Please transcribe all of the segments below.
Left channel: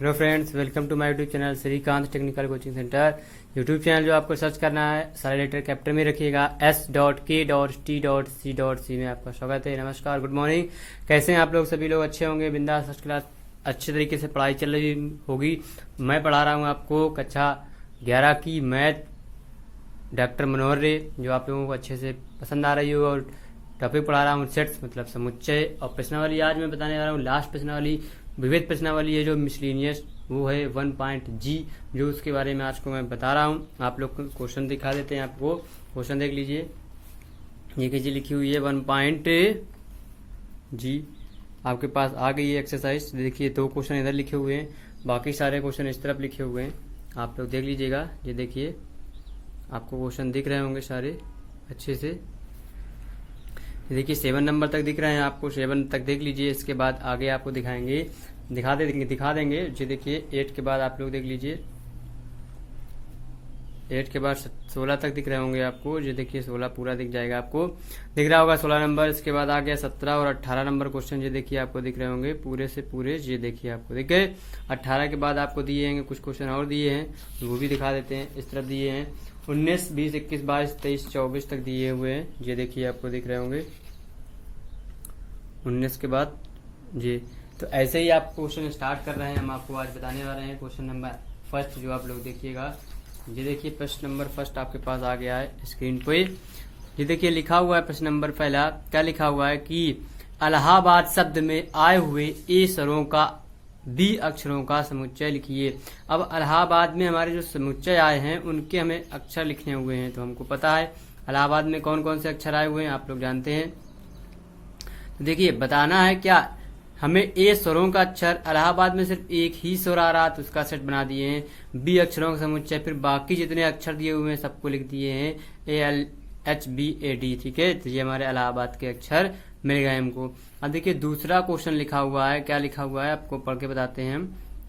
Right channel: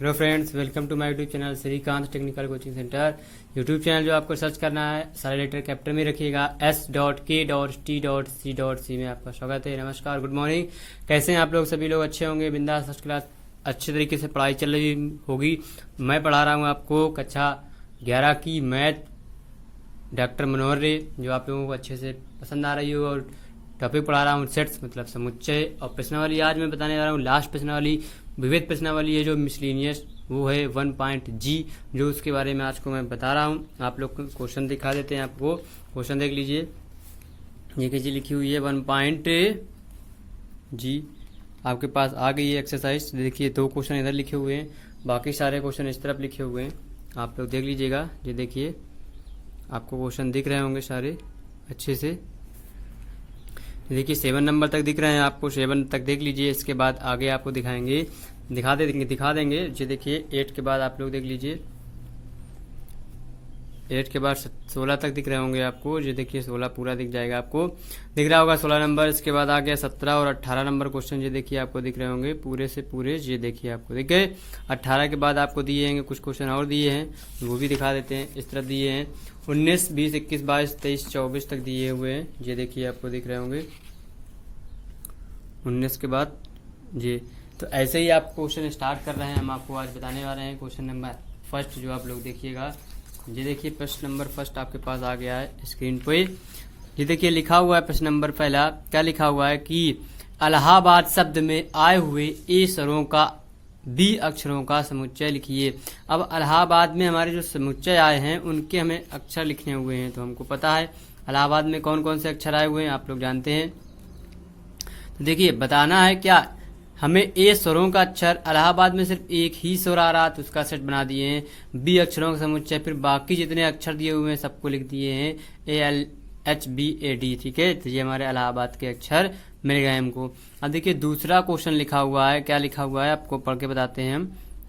Hello friends, welcome to my YouTube channel Srikanth technical coaching centre. YouTube channel जो आपको search करना है सारे लेटर कैपिटल में रखिएगा, S.K.T.C में आपका स्वागत है। नमस्कार, गुड मॉर्निंग। कैसे हैं आप लोग? सभी लोग अच्छे होंगे, बिंदास फर्स्ट क्लास अच्छे तरीके से पढ़ाई चल रही होगी। मैं पढ़ा रहा हूँ आपको कक्षा 11 की मैथ, डॉक्टर मनोहर रे, जो आप लोगों को अच्छे से पसंद आ रही हो। और टॉपिक पढ़ा रहा हूँ सेट्स मतलब समुच्चय और प्रश्नावली। आज मैं बताने जा रहा हूँ लास्ट प्रश्नावली, विविध प्रश्नावली है जो मिसलिनियस, वो है 1.G, जो उसके बारे में आज को मैं बता रहा हूँ। आप लोग को क्वेश्चन दिखा देते हैं, आपको क्वेश्चन देख लीजिए। ये कैसी लिखी हुई है 1.G, आपके पास आ गई है एक्सरसाइज। देखिए 2 क्वेश्चन इधर लिखे हुए हैं, बाकी सारे क्वेश्चन इस तरफ लिखे हुए हैं। आप लोग देख लीजिएगा। ये देखिए आपको क्वेश्चन दिख रहे होंगे सारे अच्छे से। देखिए 7 नंबर तक दिख रहे हैं आपको, 7 तक देख लीजिए। इसके बाद आगे आपको दिखा देंगे। ये देखिए 8 के बाद आप लोग देख लीजिए, 8 के बाद 16 तक दिख रहे होंगे आपको। ये देखिए 16 पूरा दिख जाएगा, आपको दिख रहा होगा 16 नंबर। इसके बाद आ गया 17 और 18 नंबर क्वेश्चन। ये देखिए आपको दिख रहे होंगे पूरे से पूरे। ये देखिए आपको दिख गए। 18 के बाद आपको दिए हैं कुछ क्वेश्चन और दिए हैं, वो भी दिखा देते हैं। इस तरह दिए हैं 19, 20, 21, 22, 23, 24 तक दिए हुए हैं। ये देखिए आपको दिख रहे होंगे 19 के बाद ये। तो ऐसे ही आप क्वेश्चन स्टार्ट कर रहे हैं। हम आपको आज बताने जा रहे हैं क्वेश्चन नंबर फर्स्ट, जो आप लोग देखिएगा। ये देखिए प्रश्न नंबर फर्स्ट आपके पास आ गया है स्क्रीन पे। ये देखिए लिखा हुआ है प्रश्न नंबर पहला। क्या लिखा हुआ है कि इलाहाबाद शब्द में आए हुए ए स्वरों का बी अक्षरों का समुच्चय लिखिए। अब इलाहाबाद में हमारे जो समुच्चय आए हैं उनके हमें अक्षर लिखने हुए हैं। तो हमको पता है इलाहाबाद में कौन कौन से अक्षर आए हुए हैं, आप लोग जानते हैं। देखिए बताना है क्या हमें ए स्वरों का अक्षर, इलाहाबाद में सिर्फ एक ही स्वर आ रहा तो उसका सेट बना दिए हैं। बी अक्षरों का समुच्चय, फिर बाकी जितने अक्षर दिए हुए हैं सबको लिख दिए हैं ALHBAD। ठीक है, तो ये हमारे इलाहाबाद के अक्षर मिल गए हमको। अब देखिए दूसरा क्वेश्चन लिखा हुआ है। क्या लिखा हुआ है आपको पढ़ के बताते हैं हम।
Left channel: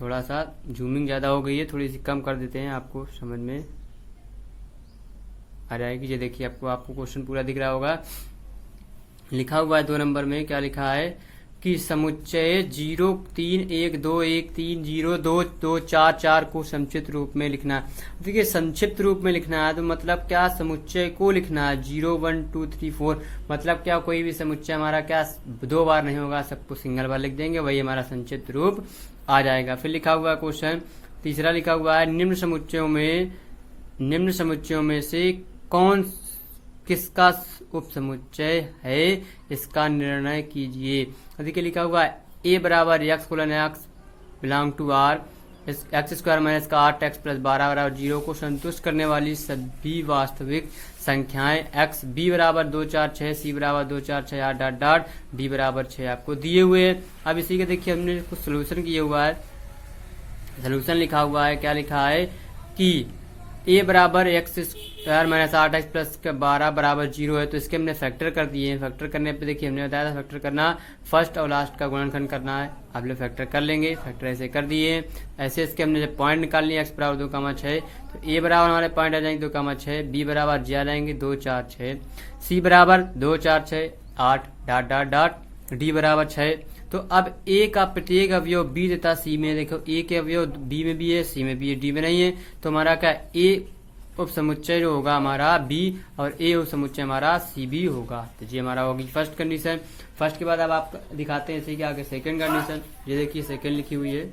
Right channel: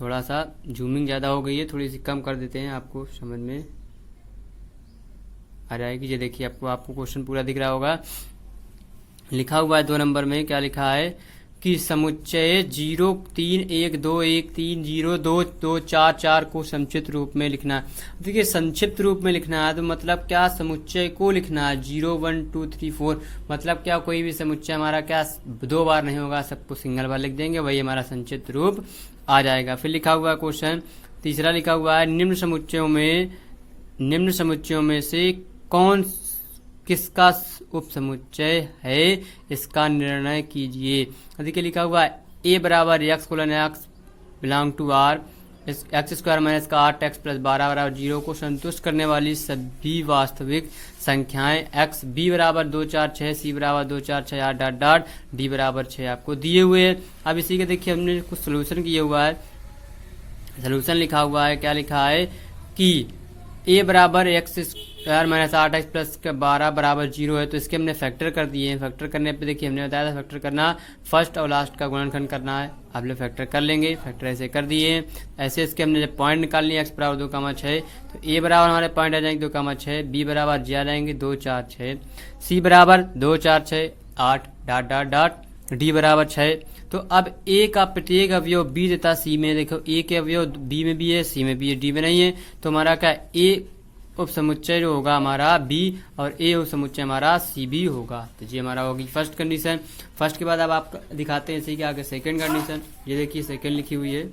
थोड़ा सा जूमिंग ज्यादा हो गई है, थोड़ी सी कम कर देते हैं, आपको समझ में आ जाएगी। ये देखिए आपको क्वेश्चन पूरा दिख रहा होगा। लिखा हुआ है 2 नंबर में। क्या लिखा है कि समुच्चय 03112302244 को संक्षिप्त रूप में लिखना है। देखिए संक्षिप्त रूप में लिखना है तो मतलब क्या समुच्चय को लिखना है 0 1 2 3 4। मतलब क्या कोई भी समुच्चय हमारा क्या 2 बार नहीं होगा, सबको सिंगल बार लिख देंगे, वही हमारा संक्षिप्त रूप आ जाएगा। फिर लिखा हुआ है क्वेश्चन तीसरा लिखा हुआ है निम्न समुच्चयों में से कौन किसका उप समुच्चय है, इसका निर्णय कीजिए। देखिए लिखा हुआ है A बराबर x colon x belong to R, x square minus का 8x प्लस 12 बराबर 0 को संतुष्ट करने वाली सभी वास्तविक संख्याएं x, B बराबर 2 4 6, C बराबर 2 4 6 8 डॉट डॉट, D बराबर 6 आपको दिए हुए हैं। अब इसी के देखिए हमने कुछ सोल्यूशन किया हुआ है। सोल्यूशन लिखा हुआ है। क्या लिखा है कि A बराबर x square minus 8x plus 12 बराबर 0 है, तो इसके हमने फैक्टर कर दिए हैं। फैक्टर करने पे देखिए हमने बताया था फैक्टर करना फर्स्ट और लास्ट का गुणनखंड करना है। आप लोग फैक्टर कर लेंगे, फैक्टर ऐसे कर दिए हैं। ऐसे इसके हमने जब पॉइंट निकाल लिया x बराबर 2,6, तो A बराबर हमारे पॉइंट आ जाएंगे 2,6, B बराबर जी आ जाएंगे 2 4 6, C बराबर 2 4 6 8 डॉट डॉट डॉट, D बराबर 6। तो अब A का प्रत्येक अवयव B तथा C में, देखो A के अवयव B में भी है, C में भी है, D में नहीं है। तो हमारा क्या A उप समुच्चय जो होगा हमारा B और A उप समुच्चय हमारा C भी होगा। तो ये हमारा होगी फर्स्ट कंडीशन। फर्स्ट के बाद अब आप दिखाते हैं इसी के आगे सेकंड कंडीशन। ये देखिए सेकंड लिखी हुई है,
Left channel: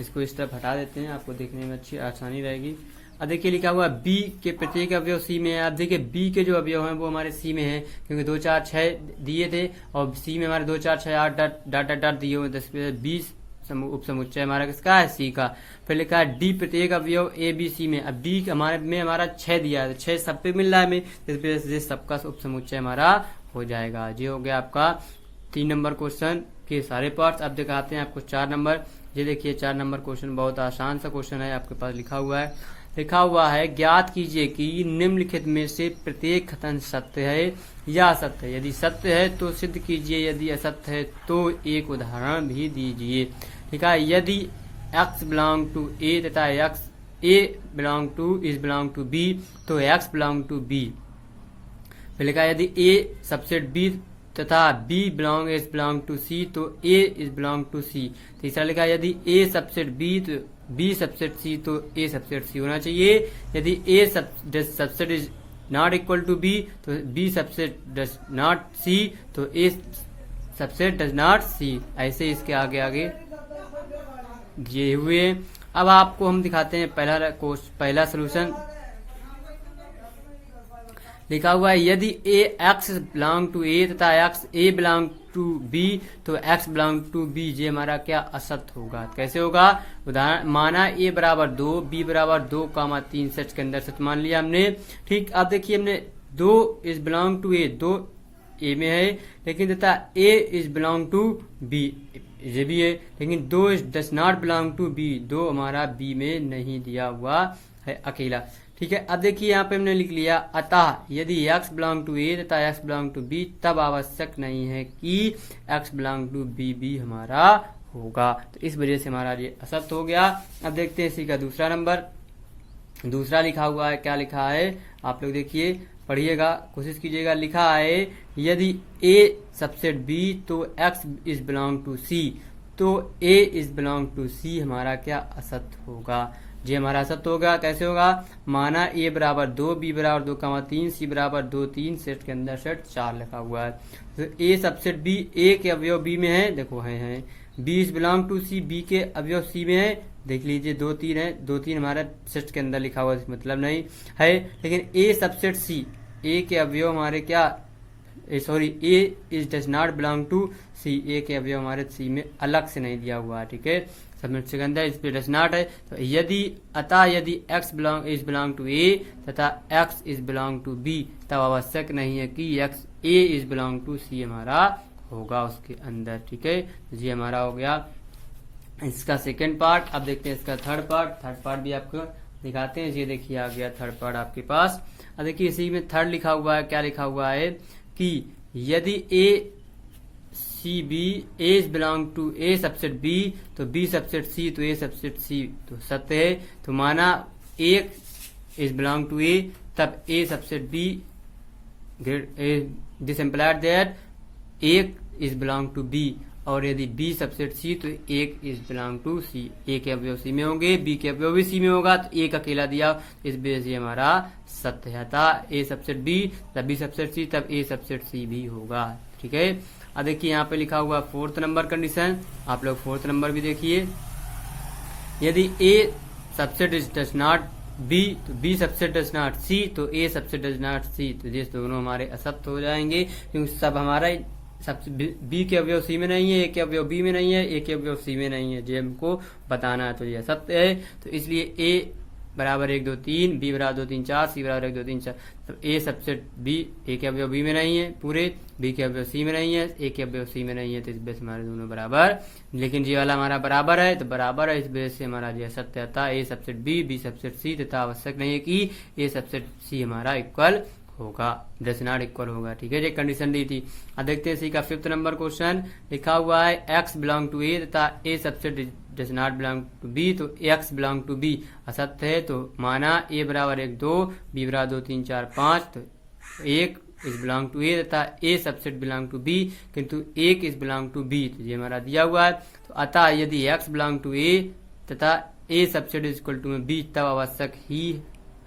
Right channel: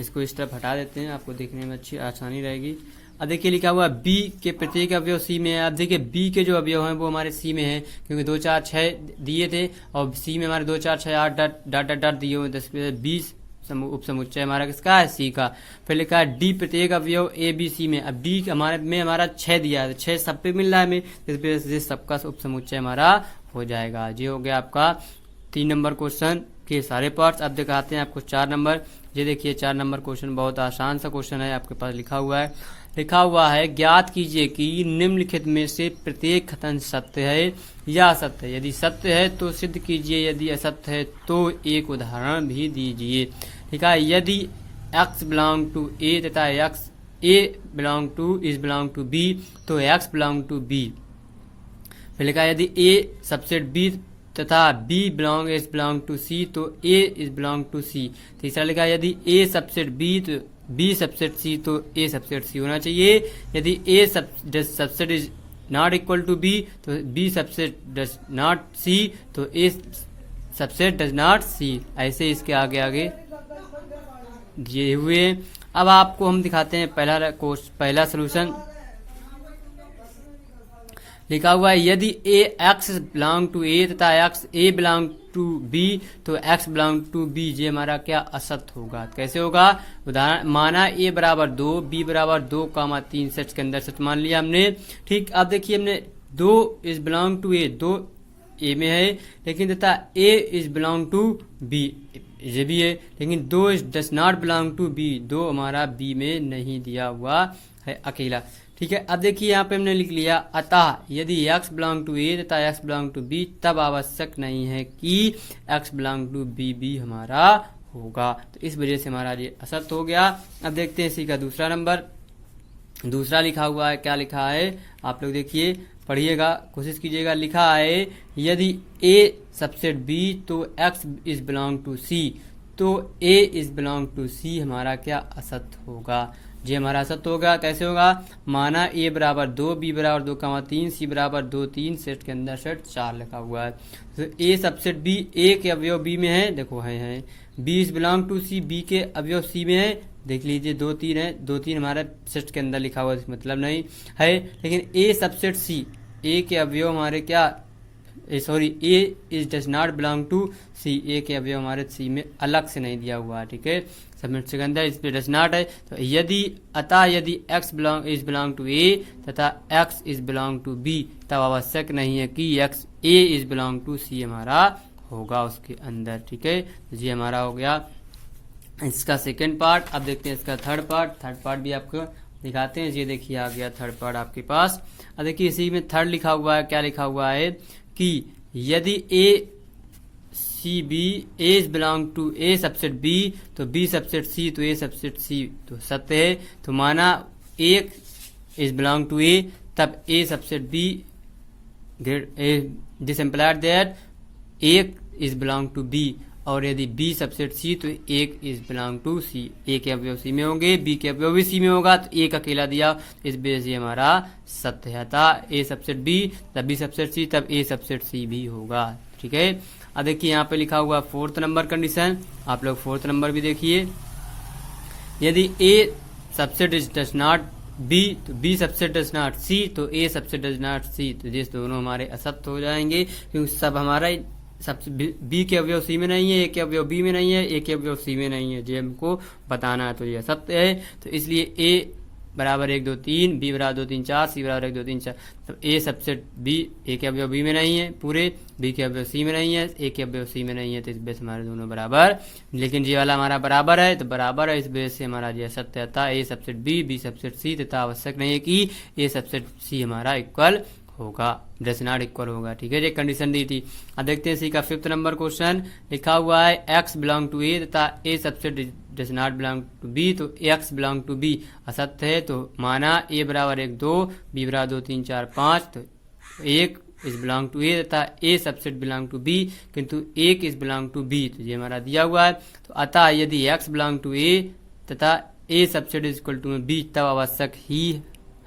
इसको इस तरफ हटा देते हैं, आपको देखने में अच्छी आसानी रहेगी। अब देखिए लिखा हुआ B के प्रत्येक अवयव C में है। अब देखिए B के जो अवयव हैं वो हमारे C में है, क्योंकि 2 4 6 दिए थे और C में हमारे 2 4 6 8 डॉट डॉट दिए हुए 10 20 उप समुच्चय हमारा किसका है, C का। फिर लिखा है D प्रत्येक अवयव A B C में। अब D हमारे में हमारा 6 दिया है, 6 सब पे मिल रहा है हमें, इसलिए सबका उप समुच्चय हमारा हो जाएगा। ये हो गया आपका 3 नंबर क्वेश्चन के सारे पार्ट्स। अब दिखाते हैं आपको 4 नंबर। ये देखिए 4 नंबर क्वेश्चन बहुत आसान सा क्वेश्चन है, आपके पास लिखा हुआ है ज्ञात कीजिए कि निम्नलिखित में से प्रत्येक कथन सत्य है या असत्य है। यदि सत्य है तो सिद्ध कीजिए, यदि असत्य है तो एक उदाहरण भी दीजिए। ठीक है, यदि x बिलोंग टू A तथा x A belong to B तो x बिलोंग टू B। फिर लिखा यदि A सबसेट B तथा B is belong to C तो A is belong to C। तीसरा लिखा है यदि A सबसेट B तो B सबसेट C तो A सबसेट C होना चाहिए। यदि A subset is not equal to B तो B subset does not C तो A subset does not C। ऐसे इसके आगे आगे दिए हुए। अब आपको हम दिखाते हैं पहला सोल्यूशन। लिखा हुआ है यदि A x belong to A तथा x A belong to B तो एक्स बिलोंग टू बी, ये हमारा क्या असत्य होगा। कैसे होगा, उदाहरण माना ए बराबर 2 बी बराबर 2,3 सच के अंदर सच मान लिया हमने। ठीक, अब देखिए हमने 2 is belong to A, 2 A में है, लेकिन तथा A is belong to B, ये भी है, लेकिन 2 is does not belong to B, 2 हमारा बी में नहीं दिया हुआ है अकेला। ठीक है, अब देखिए यहाँ पे हमने लिख लिया अतः यदि x बिलोंग टू ए तथा x बिलोंग टू बी तब आवश्यक नहीं है कि x बिलोंग टू बी भी हमारा होगा। तो इस वजह से हमारा ये असत्य हो गया। अब देखते हैं इसी का दूसरा नंबर। दूसरा लिखा हुआ है, क्या लिखा है आप लोग देखिए, पढ़िएगा, कोशिश कीजिएगा। लिखा है यदि a सबसेट b तो x is belong to c तो a is belong to c हमारा क्या असत्य होगा। ये हमारा असत्य होगा। कैसे होगा, माना a बराबर 2 b बराबर 2,3 c बराबर 2 3 सेट के अंदर सेट 4 लिखा हुआ है। तो a सबसेट b, a के अवयव b में है, देखो है b is belong to c, b के अवयव c में है, देख लीजिए 2 3 है, 2 3 हमारे सेट के अंदर लिखा हुआ मतलब नहीं है। लेकिन a सबसेट c, a के अवयव हमारे क्या a is does not belong to c, a के अवयव हमारे c में अलग से नहीं दिया हुआ है। ठीक है, सबमिट के अंदर इस पे डज नॉट है। तो अतः यदि x is belong to a तथा x is belong to b तब आवश्यक नहीं है कि x a is belong to c हमारा होगा उसके अंदर। ठीक है, ये हमारा हो गया इसका सेकंड पार्ट। अब देखते हैं इसका थर्ड पार्ट भी आपको दिखाते हैं। ये देखिए आ गया थर्ड पार्ट आपके पास। अब देखिए इसी में थर्ड लिखा हुआ है, क्या लिखा हुआ है कि यदि a C B A is belong to A subset B तो बी सबसेट सी तो ए सबसेट सी तो सत्य है। तो माना A is belong to A तब A subset B, this implied that A is belong to B, और यदि बी सबसेट सी तो एक is belong to C, A के अवयव सी में होंगे, बी के अवयव भी सी में होगा, तो एक अकेला दिया, इस वजह से हमारा सत्य है था। ए सबसेट बी तब बी सबसेट सी तब ए सबसेट सी भी होगा। ठीक है, अब देखिए यहाँ पे लिखा हुआ 4th नंबर कंडीशन, आप लोग 4th नंबर भी देखिए। यदि A subset is does not B तो B subset does not C तो A subset does not C, तो ये दोनों हमारे असत्य हो जाएंगे, क्योंकि सब हमारा सब बी के अवयव सी में नहीं है, ए के अवयव बी में नहीं है, ए के अवयव सी में नहीं है, जो हमको बताना है, तो ये असत्य है। तो इसलिए ए बराबर 1 2 3, बी बराबर 2 3 4, सी बराबर 1 2 3 4, तो ए सबसेट बी, ए के अवयव बी में नहीं है पूरे, बी के अवयव सी में नहीं है, ए के अवयव सी में नहीं है, तो इस वजह से हमारे दोनों बराबर, लेकिन ये वाला हमारा बराबर है तो बराबर है, इस वजह से हमारा ये सत्य था ए सबसेट बी सबसेट सी, तथा आवश्यक नहीं है कि ए सबसेट सी हमारा इक्वल होगा, डज नॉट इक्वल होगा। ठीक है, ये कंडीशन दी थी। अब देखते हैं इसी का 5th नंबर क्वेश्चन। लिखा हुआ है एक्स बिलोंग टू ए तथा A subset does not belong to B तो एक्स बिलोंग टू बी असत्य है। तो माना ए बराबर 1 2, बी बराबर 2 3 4 5, तो 1 इज बिलोंग टू ए तथा A subset belong to B, किंतु 1 इज बिलोंग टू बी, तो ये हमारा दिया हुआ है। तो अतः यदि एक्स बिलोंग टू ए तथा A subset is equal to B तब आवश्यक ही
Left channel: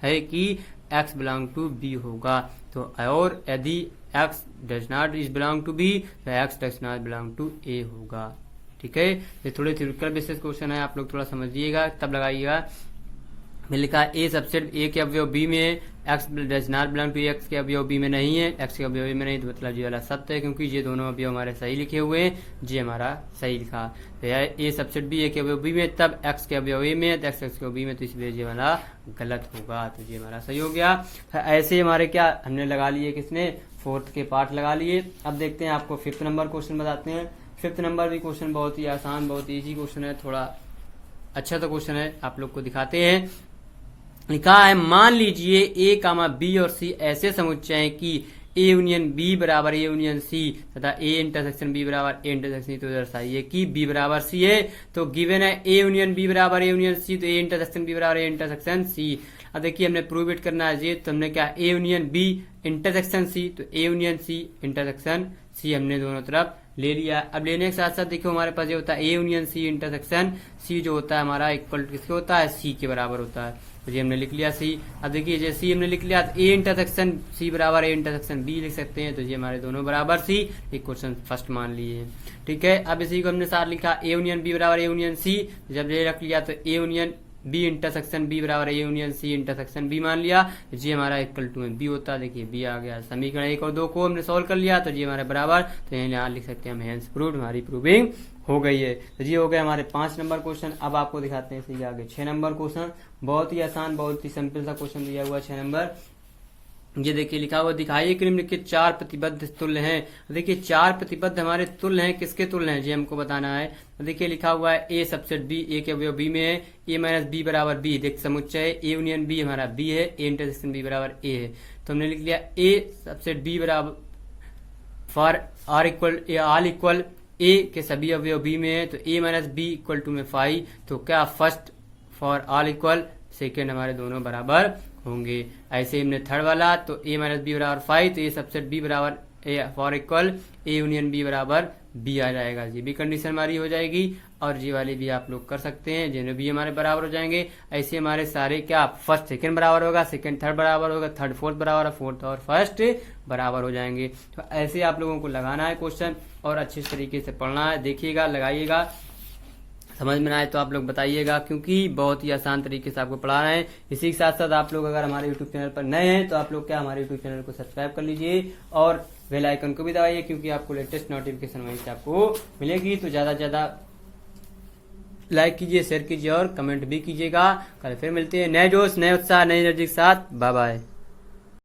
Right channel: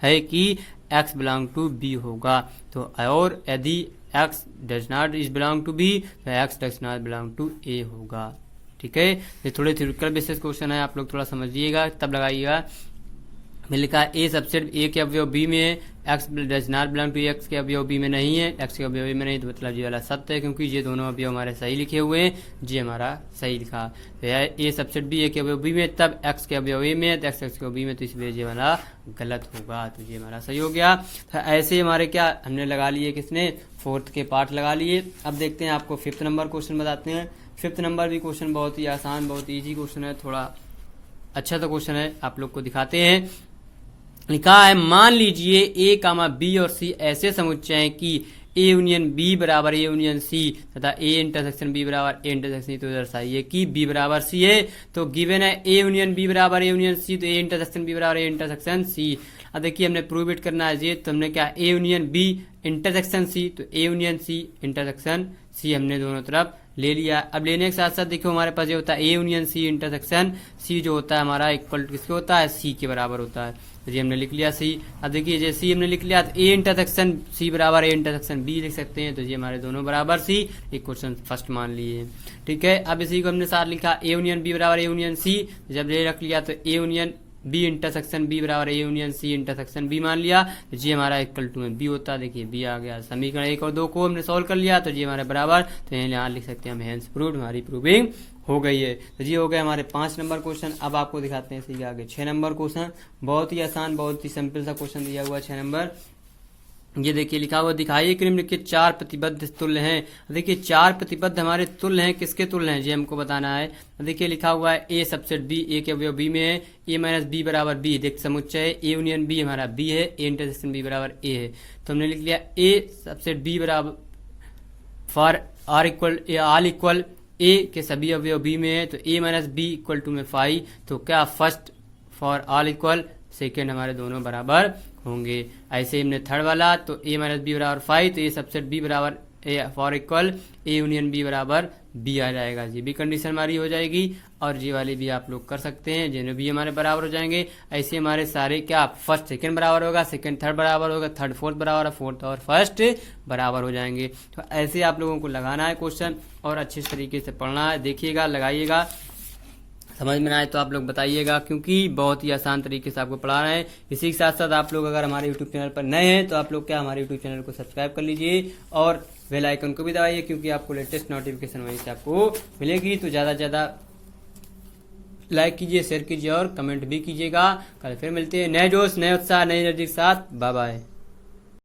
है कि x बिलोंग टू बी होगा। तो और यदि x does not is belong to B तो x does not belong to A होगा। ठीक है, ये थोड़े थ्योरेटिकल बेसिस क्वेश्चन है, आप लोग थोड़ा समझिएगा तब लगाइएगा। लिखा है ए सबसेट ए के अवयव बी में है, x does not belong to x के अवयव बी में नहीं है, एक्स के अवयव बी में नहीं, तो मतलब ये वाला सत्य है, क्योंकि ये दोनों अवयव हमारे सही लिखे हुए हैं, ये हमारा सही लिखा। तो ए सबसेट बी ए के अवयव बी में तब एक्स के अवयव ए में, तो एक्स के बी में, तो इसलिए ये वाला गलत होगा, तो ये हमारा सही हो गया। तो ऐसे हमारे क्या हमने लगा लिए, किसने 4th के पार्ट लगा लिए। अब देखते हैं आपको 5th नंबर क्वेश्चन बताते हैं। 5th नंबर भी क्वेश्चन बहुत ही आसान, बहुत ईजी क्वेश्चन है, थोड़ा अच्छा तो क्वेश्चन है, आप लोग को दिखाते हैं। लिखा है मान लीजिए ए कामा बी और सी ऐसे समुच्चय हैं कि ए यूनियन बी बराबर ए यूनियन सी तथा ए इंटरसेक्शन बी बराबर ए इंटरसेक्शन सी, तो दर्शाइए कि बी बराबर सी है। तो गिवन है ए यूनियन बी बराबर ए यूनियन सी तो ए इंटरसेक्शन बी बराबर ए इंटरसेक्शन सी। अब देखिए हमने प्रूव इट करना है, ये तो हमने क्या A union B intersection C तो A union C intersection C हमने दोनों तरफ ले लिया। अब लेने के साथ साथ देखो हमारे पास ये होता है ए यूनियन सी इंटरसेक्शन सी जो होता है हमारा इक्वल टू किसके होता है, सी के बराबर होता है। तो ये हमने लिख लिया सी। अब देखिए जैसे सी हमने लिख लिया तो ए इंटरसेक्शन सी बराबर ए इंटरसेक्शन बी लिख सकते हैं। तो ये हमारे दोनों बराबर सी, एक क्वेश्चन फर्स्ट मान लिए। ठीक है, अब इसी को हमने साथ लिखा ए यूनियन बी बराबर ए यूनियन सी। जब ये रख लिया तो A union B intersection B बराबर A union C intersection B मान लिया। तो जी हमारा इक्वल टू में बी होता है। देखिए बी आ गया। समीकरण 1 और 2 को हमने सोल्व कर लिया तो जी हमारा बराबर, तो यहाँ लिख सकते हैं हम हेंस प्रूव्ड, हमारी प्रूविंग हो गई है। तो जी हो गए हमारे 5 नंबर क्वेश्चन। अब आपको दिखाते हैं इसी आगे 6 नंबर क्वेश्चन। बहुत ही आसान, बहुत ही सिंपल सा क्वेश्चन दिया हुआ 6 नंबर। ये देखिए लिखा हुआ, दिखाइए कि निम्नलिखित 4 प्रतिबद्ध तुल्य हैं। देखिए 4 प्रतिबद्ध हमारे तुल्य हैं, किसके तुल्य हैं ये हमको बताना है। देखिए लिखा हुआ है ए सबसेट बी, ए के अवयव बी में है, ए माइनस बी बराबर बी। देख समुच्चय ए यूनियन बी हमारा बी है, ए इंटरसेक्शन बी बराबर ए है। तो हमने लिख लिया ए सबसेट बी बराबर for or equal all equal A के सभी अवयव बी में है, तो A minus B equal to में 5। तो क्या first for all equal second हमारे दोनों बराबर होंगे। ऐसे हमने थर्ड वाला तो ए माइनस बी बराबर 5, तो ए सबसेट बी बराबर A for equal A union B बराबर बी आ जाएगा। जी बी कंडीशन हमारी हो जाएगी। और जी वाली भी आप लोग कर सकते हैं, जिन्हें भी हमारे बराबर हो जाएंगे। ऐसे हमारे सारे क्या फर्स्ट सेकंड बराबर होगा, सेकंड थर्ड बराबर होगा, थर्ड फोर्थ बराबर, फोर्थ और फर्स्ट बराबर हो जाएंगे। तो ऐसे आप लोगों को लगाना है क्वेश्चन और अच्छे तरीके से पढ़ना है। देखिएगा, लगाइएगा, समझ में आए तो आप लोग बताइएगा, क्योंकि बहुत ही आसान तरीके से आपको पढ़ा रहे हैं। इसी के साथ साथ आप लोग अगर हमारे यूट्यूब चैनल पर नए हैं तो आप लोग क्या हमारे यूट्यूब चैनल को सब्सक्राइब कर लीजिए और बेल आइकन को भी दबाइए, क्योंकि आपको लेटेस्ट नोटिफिकेशन वहीं से आपको मिलेगी। तो ज्यादा से ज्यादा लाइक कीजिए, शेयर कीजिए और कमेंट भी कीजिएगा। कल फिर मिलते हैं नए जोश, नए उत्साह, नई एनर्जी के साथ। Bye bye.